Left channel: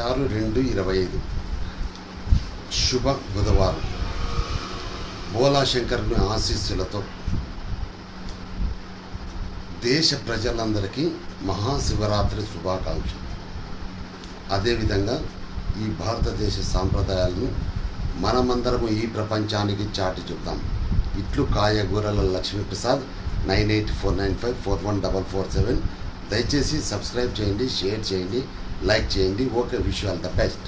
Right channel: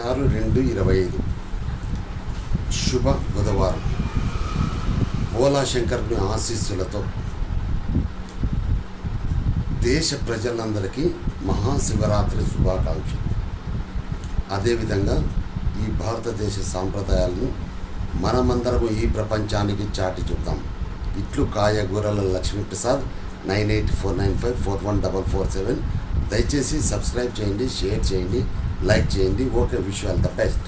ఆరు రెండు ఇరవై ఐదు. శుభ బుధవారం. భోలాశంకరుని ఆశీస్సులతో దేశ ప్రజలందరికీ మహాశివరాత్రి శుభాకాంక్షలు. అదేవిధంగా ఈ భారతదేశ సాంప్రదాయాలను మనమందరము ఈ ప్రపంచానికి చాటి చెప్తాం ఇట్లు కాయగూరల Lakshmiprasad nine eight four nine five four one double four seven. దయచేసి సబ్స్క్రైబ్ చేయండి షేర్ చేయండి. లైక్ చేయండి. Okay wish all the best.